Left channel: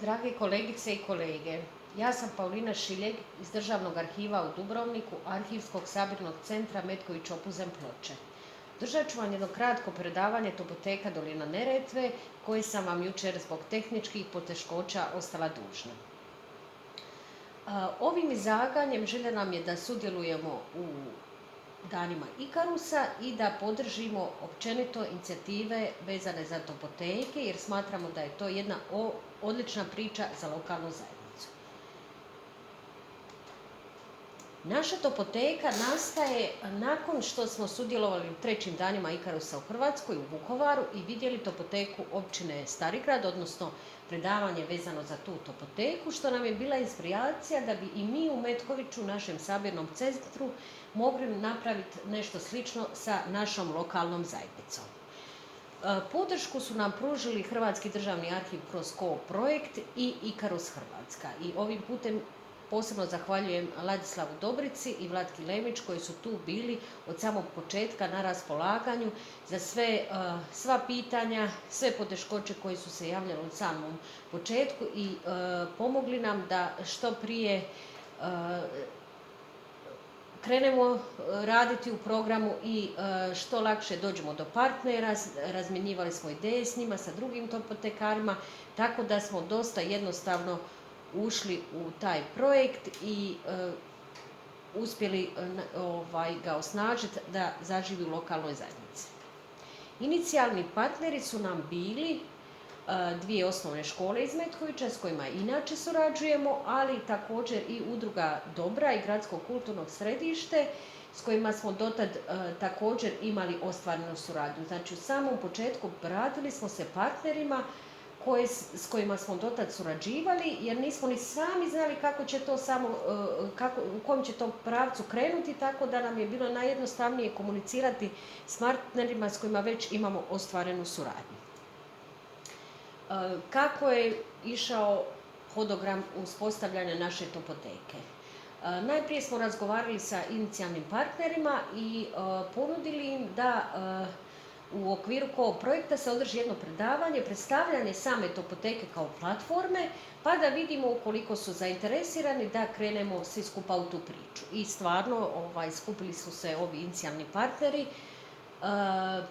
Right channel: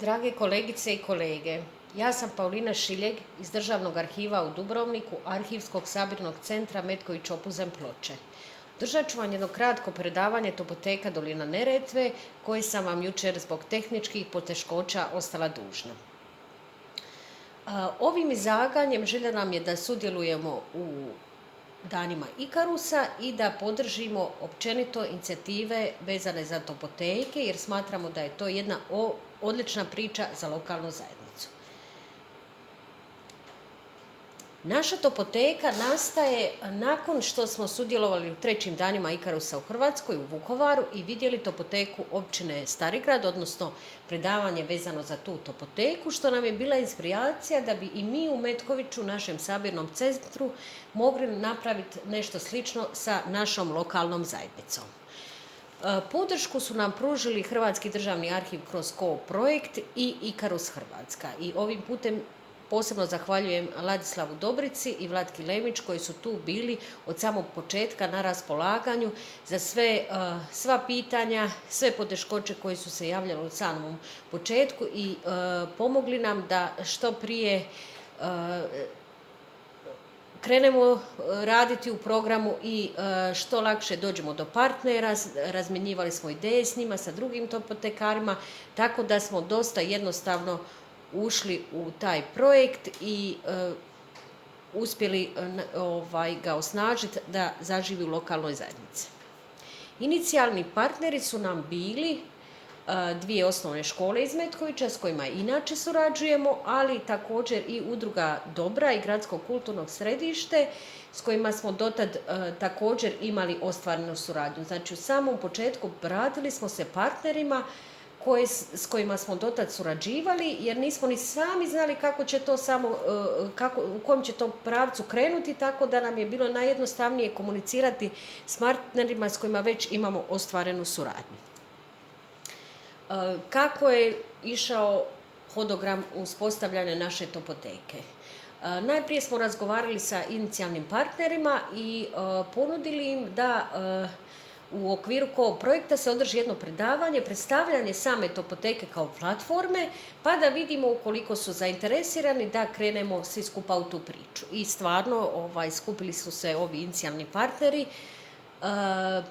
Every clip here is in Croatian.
Drage kolegice i kolege, ja sam Paulina Šiljeg iz Državnog arhiva u Dubrovniku, Arhivskog sabirnog centra Metković Opuzen Ploče. Držat ću vam jedno kratko predavanje Topoteka Dolina Neretve, koje sam vam jučer zbog tehničkih poteškoća ostala dužna. Ovim izlaganjem želja nam je da sudjelujemo u danima Ikarusa i da podržimo općenito inicijative vezane za topoteke, jer smatramo da je to jedna odlična priča za lokalnu zajednicu. Naša topoteka nastaje nakon što smo sudjelovali u 3. danima Ikarusa u Hrvatskoj, u Vukovaru, i vidjeli topoteku općine Starigrad, odnosno predavanje vezano za tu topoteku, što nam je bila inspiracija da bi i mi u Metkoviću, našem sabirnom centru, mogli napraviti nešto slično sa našom lokalnom zajednicom. Podršku su nam pružili Hrvatski državni arhiv kroz projekt i Ikarus Hrvatska. I ovim putem posebno zahvaljujem Ladislavu Dobrici i Vlatki Lemić koji su tu bili od samog početka na raspolaganju za sva pitanja, sve poteškoće koje su se javljale u samom početku i pomogli nam da što prije krenemo raditi u programu i što lakše dođemo do partnera. Razmjenjivali smo ideje s njima, sa drugim topotekarima, tako da smo dosta jednostavno ušli u taj projekt i uspjeli ga osnažiti da zaživi u lokalnoj zajednici. Inicijalni partneri su nam bili 2 osnovne škole iz Metkovića s kojima inače surađujemo, ali također i Udruga Dobra i Gradsko kulturno središte s kojima smo dotad također imali ostvarenu suradnju. Znači u samom početku obratili smo se partnerima s kojima smo dotad surađivali, jer nismo ni sami znali kako će to u kom će to pravcu krenuti, tako da nam je bilo najjednostavnije komunicirati s partnerima s kojima već imamo ostvarenu suradnju. Kako je išao hodogram uspostavljanja naše topoteke? Najprije smo razgovarali sa inicijalnim partnerima i ponudili im da u okviru projekta se održi jedno predavanje, predstavljanje same topoteke kao platforme, pa da vidimo ukoliko su zainteresirani da krenemo svi skupa u tu priču. I stvarno skupili su se ovi inicijalni partneri,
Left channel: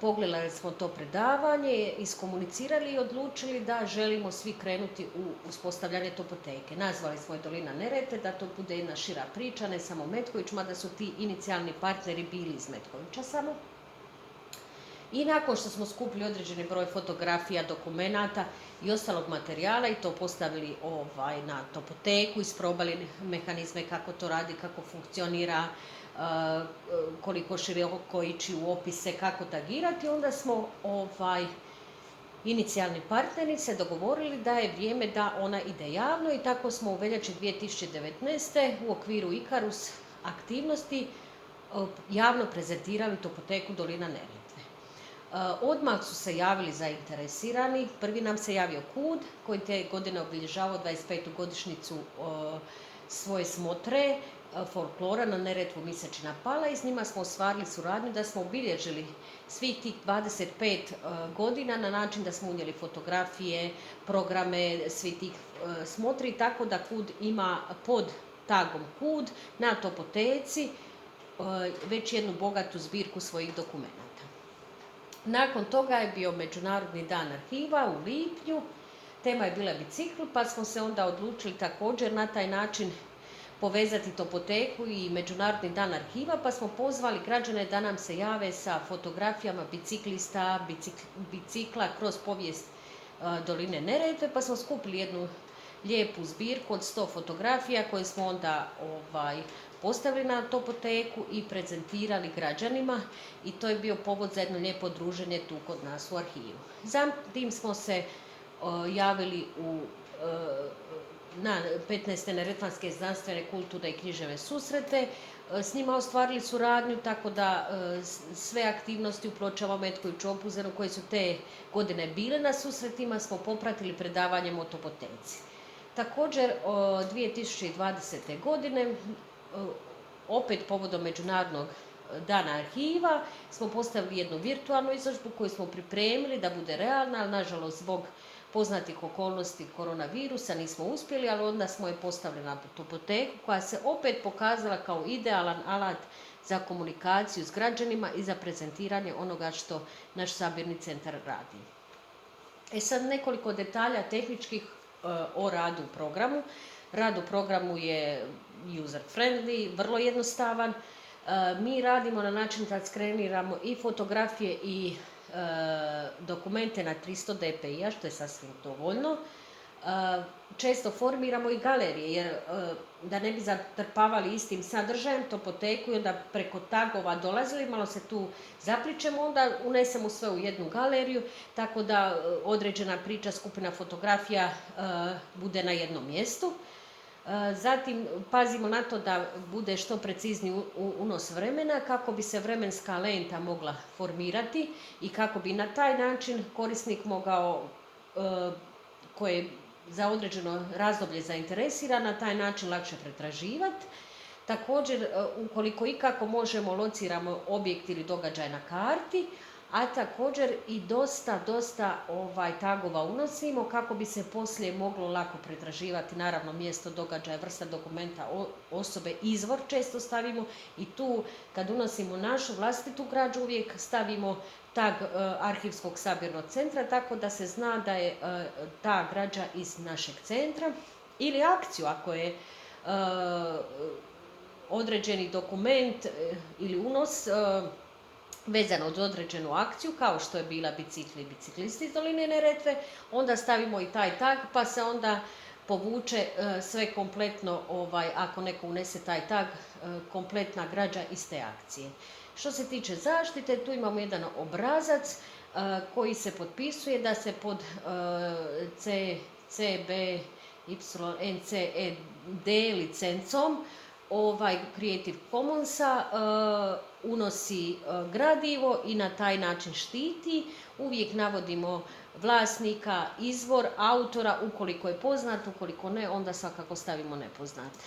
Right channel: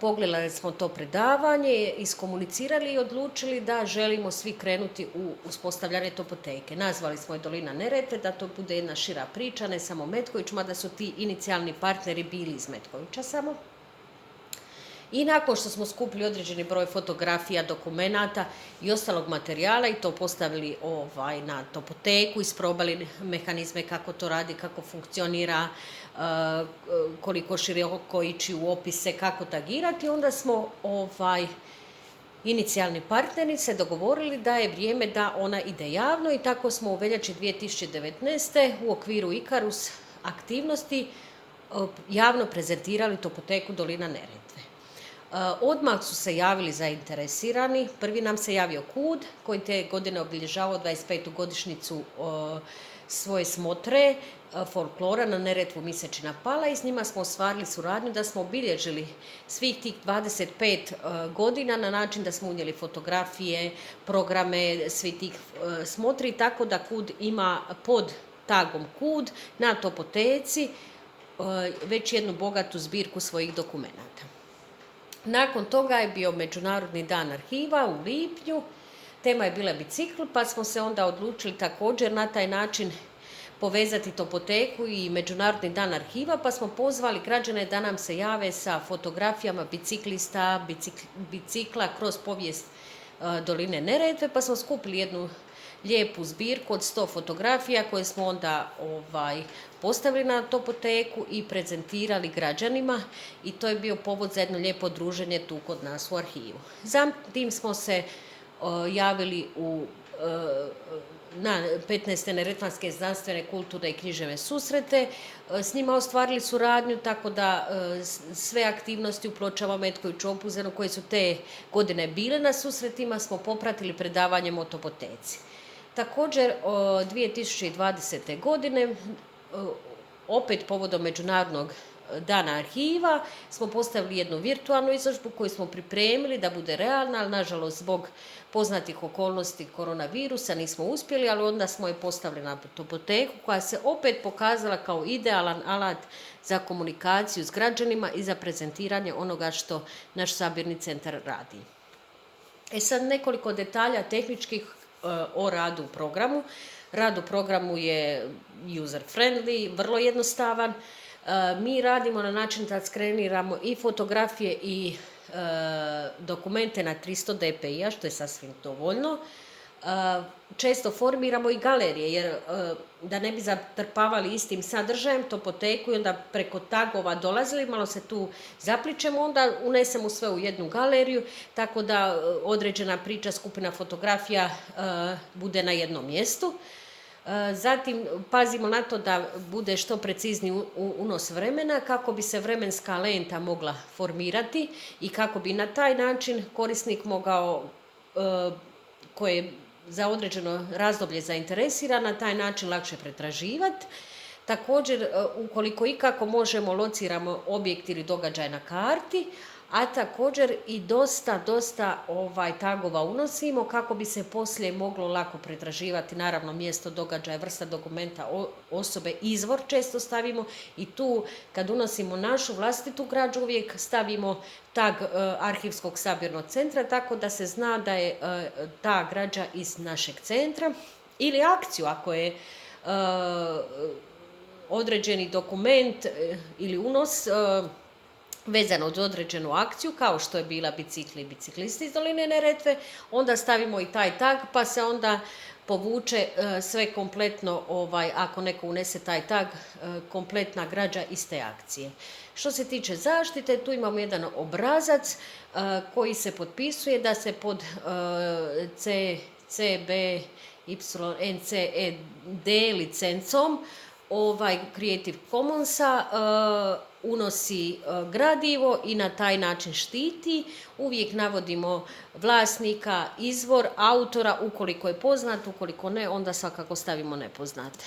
pogledali smo to predavanje, iskomunicirali i odlučili da želimo svi krenuti u uspostavljanje topoteke. Nazvali smo je Dolina Neretve, da to bude jedna šira priča, ne samo Metković, mada su ti inicijalni partneri bili iz Metkovića samo. I nakon što smo skupili određeni broj fotografija, dokumenata i ostalog materijala i to postavili na topoteku, isprobali mehanizme kako to radi, kako funkcionira, koliko široko ići u opise, kako tagirati, onda smo inicijalni partneri se dogovorili da je vrijeme da ona ide javno i tako smo u veljači 2019. u okviru Ikarus aktivnosti javno prezentirali topoteku Dolina Neretve. Odmah su se javili zainteresirani. Prvi nam se javio KUD koji te godine obilježavao 25. godišnjicu svoje smotre folklora na Neretvu Misečina pala i s njima smo ostvarili suradnju da smo obilježili svih tih 25 godina na način da smo unijeli fotografije, programe svih tih smotri, tako da KUD ima pod tagom KUD na topoteci već jednu bogatu zbirku svojih dokumenata. Nakon toga je bio Međunarodni dan arhiva u lipnju, tema je bila bicikl, pa smo se onda odlučili također na taj način povezati topoteku i Međunarodni dan arhiva, pa smo pozvali građane da nam se jave sa fotografijama biciklista, bicikla kroz povijest Doline Neretve, pa smo skupili jednu lijepu zbirku od 100 fotografija koje smo onda postavili na topoteku i prezentirali građanima i to je bio povod za jedno lijepo druženje tu kod nas u arhivu. Zatim smo se javili na 15. neretvanske znanstvene, kulturne i književne susrete, s njima ostvarili suradnju, tako da sve aktivnosti u Pločama, Metkoviću, Opuzenu koje su te godine bile na susretima smo popratili predavanjem o topoteci. Također 2020. godine opet povodom Međunarodnog dana arhiva smo postavili jednu virtualnu izložbu koju smo pripremili da bude realna, ali nažalost zbog poznatih okolnosti koronavirusa nismo uspjeli, ali onda smo je postavili na topoteku koja se opet pokazala kao idealan alat za komunikaciju s građanima i za prezentiranje onoga što naš sabirni centar radi. Sad nekoliko detalja tehničkih o radu u programu. Rad u programu je user friendly, vrlo jednostavan. Mi radimo na način da skreniramo i fotografije i dokumente na 300 dpi-a, što je sasvim dovoljno. Često formiramo i galerije, jer da ne bi zatrpavali istim sadržajem topoteku i onda preko tagova dolazili, malo se tu zapličemo, onda unesemo sve u jednu galeriju, tako da određena priča, skupina fotografija bude na jednom mjestu. Zatim pazimo na to da bude što precizniji unos vremena kako bi se vremenska lenta mogla formirati i kako bi na taj način korisnik mogao, koji je za određeno razdoblje zainteresiran, na taj način lakše pretraživati. Također, ukoliko ikako možemo, lociramo objekt ili događaj na karti, a također i dosta tagova unosimo kako bi se poslije moglo lako pretraživati, naravno mjesto, događaja, vrsta dokumenta, osobe, izvor često stavimo i tu kad unosimo našu vlastitu građu uvijek stavimo tag Arhivskog sabirnog centra, tako da se zna da je ta građa iz našeg centra, ili akciju ako je određeni dokument ili unos vezano uz određenu akciju, kao što je bila bicikli i biciklisti iz Doline Neretve, onda stavimo i taj tag, pa se onda povuče sve kompletno, ako neko unese taj tag, kompletna građa iz te akcije. Što se tiče zaštite, tu imamo jedan obrazac koji se potpisuje da se pod CBYNCED licencom Creative Commonsa unosi gradivo i na taj način štiti. Uvijek navodimo vlasnika, izvor, autora, ukoliko je poznat, ukoliko ne, onda svakako stavimo nepoznate.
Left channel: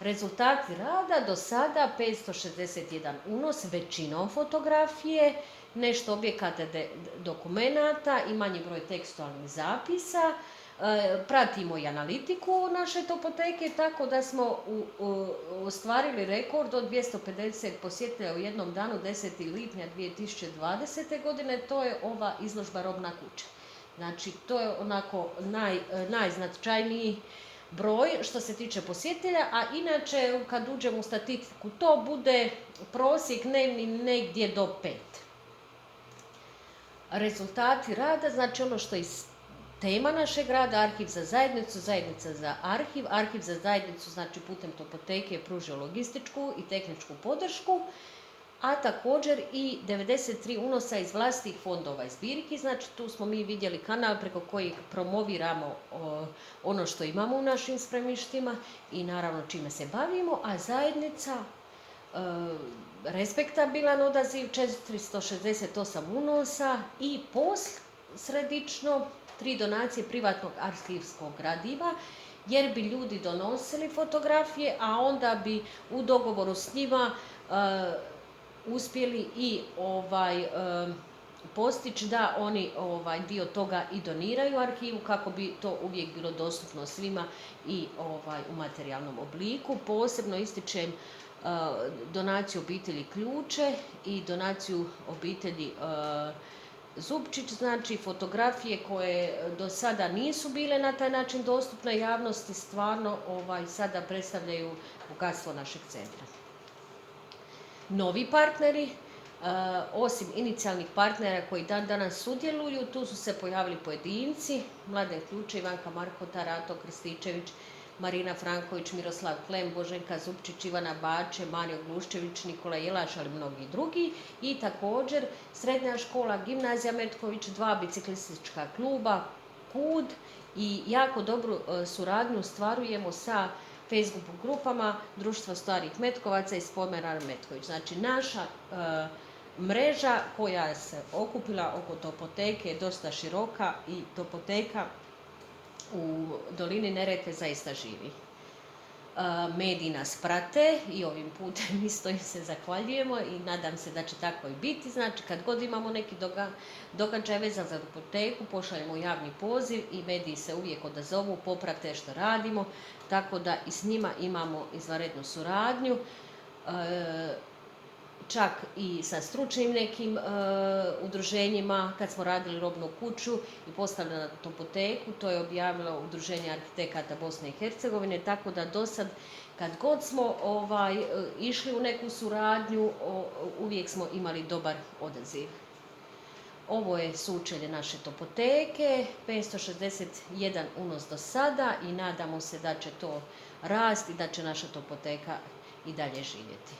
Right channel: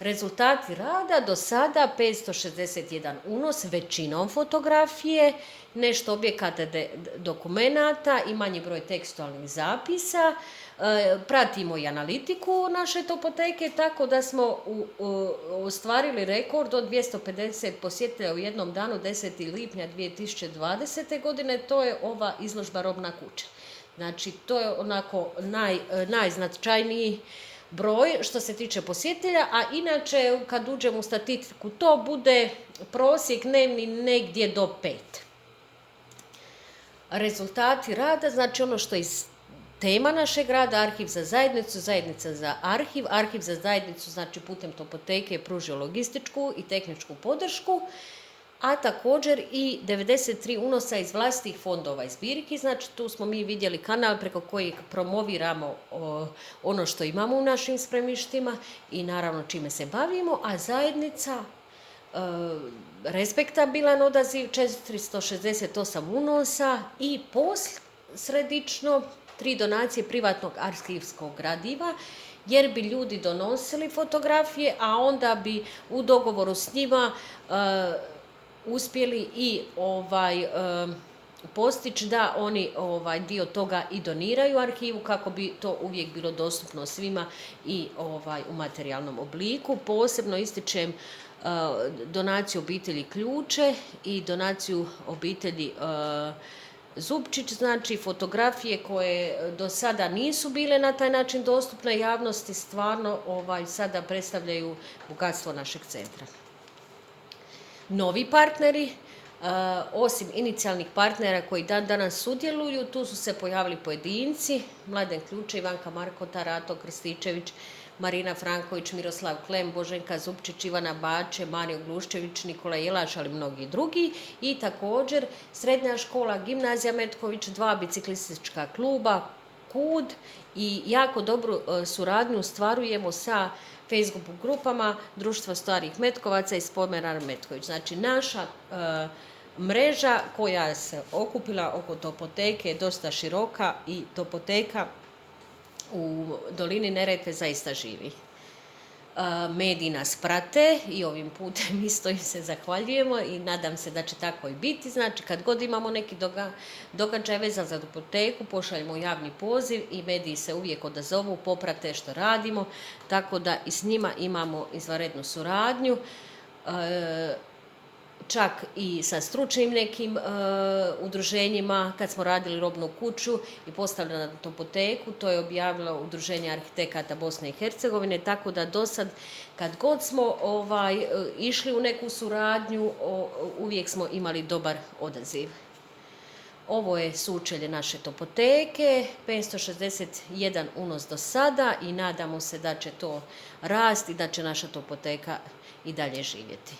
Rezultati rada do sada 561 unos, većinom fotografije, nešto objekata dokumenata i manji broj tekstualnih zapisa. Pratimo i analitiku naše topoteke, tako da smo ostvarili rekord od 250 posjetitelja u jednom danu 10. lipnja 2020. godine, to je ova izložba Robna kuća. Znači, to je onako najznačajniji broj što se tiče posjetitelja, a inače kad uđemo u statistiku to bude prosjek dnevni negdje do 5. Rezultati rada, znači ono što je tema našeg rada, arhiv za zajednicu, zajednica za arhiv. Arhiv za zajednicu, znači putem topoteke je pružio logističku i tehničku podršku, a također i 93 unosa iz vlastitih fondova i zbirki. Znači tu smo mi vidjeli kanal preko kojeg promoviramo ono što imamo u našim spremištima i naravno čime se bavimo, a zajednica respektabilan odaziv, 468 unosa i posredično 3 donacije privatnog arhivskog gradiva, jer bi ljudi donosili fotografije, a onda bi u dogovoru s njima uspjeli i postići da oni dio toga i doniraju arhivu kako bi to uvijek bilo dostupno svima i u materijalnom obliku. Posebno ističem donaciju obitelji Ključe i donaciju obitelji Zupčić, znači fotografije koje do sada nisu bile na taj način dostupne javnosti, stvarno sada predstavljaju bogatstvo našeg centra. Novi partneri, osim inicijalnih partnera koji danas sudjeluju, tu su se pojavili pojedinci, Mladen Ključe, Ivanka Markota, Rato Krističević, Marina Franković, Miroslav Klem, Boženka Zupčić, Ivana Bače, Mario Gluščević, Nikola Jelaš, ali mnogi drugi. I također Srednja škola, Gimnazija Metković, 2 biciklistička kluba, KUD i jako dobru suradnju ostvarujemo sa Facebook grupama Društvo starih Metkovaca i Spomenar Metković. Znači naša mreža koja se okupila oko topoteke je dosta široka i topoteka u Dolini Neretve zaista živi. mediji nas prate i ovim putem isto im se zahvaljujemo i nadam se da će tako i biti. Znači, kad god imamo neki događaj vezan za topoteku, pošaljemo javni poziv i mediji se uvijek odazovu, poprate što radimo, tako da i s njima imamo izvanrednu suradnju. Čak i sa stručnim nekim udruženjima, kad smo radili robnu kuću i postavljena topoteku, to je objavilo Udruženje arhitekata Bosne i Hercegovine, tako da do sad, kad god smo išli u neku suradnju, uvijek smo imali dobar odaziv. Ovo je sučelje naše topoteke, 561 unos do sada i nadamo se da će to rasti i da će naša topoteka i dalje živjeti.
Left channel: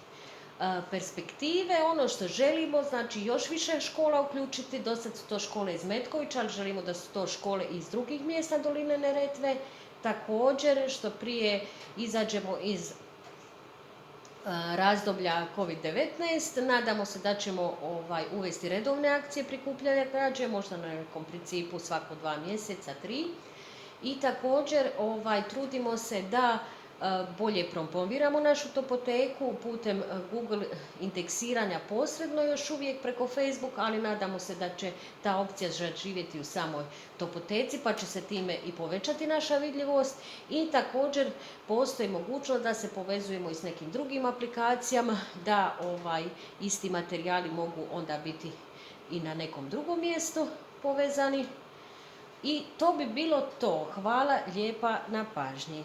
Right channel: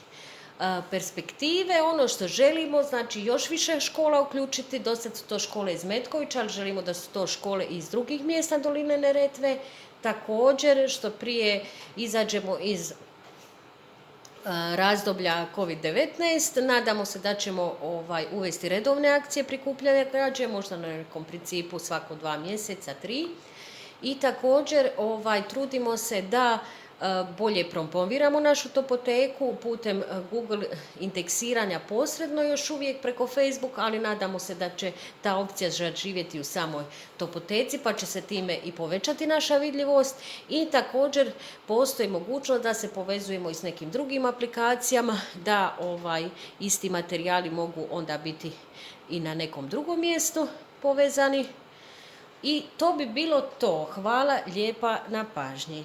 Perspektive, ono što želimo, znači još više škola uključiti, do sad su to škole iz Metkovića, ali želimo da su to škole iz drugih mjesta doline Neretve. Također, što prije izađemo iz razdoblja COVID-19, nadamo se da ćemo uvesti redovne akcije prikupljanja građe, možda na nekom principu svako 2 mjeseca, 3. I također trudimo se da bolje promoviramo našu topoteku putem Google indeksiranja posredno još uvijek preko Facebook, ali nadamo se da će ta opcija živjeti u samoj topoteci, pa će se time i povećati naša vidljivost. I također postoji mogućnost da se povezujemo i s nekim drugim aplikacijama, da isti materijali mogu onda biti i na nekom drugom mjestu povezani. I to bi bilo to. Hvala lijepa na pažnji.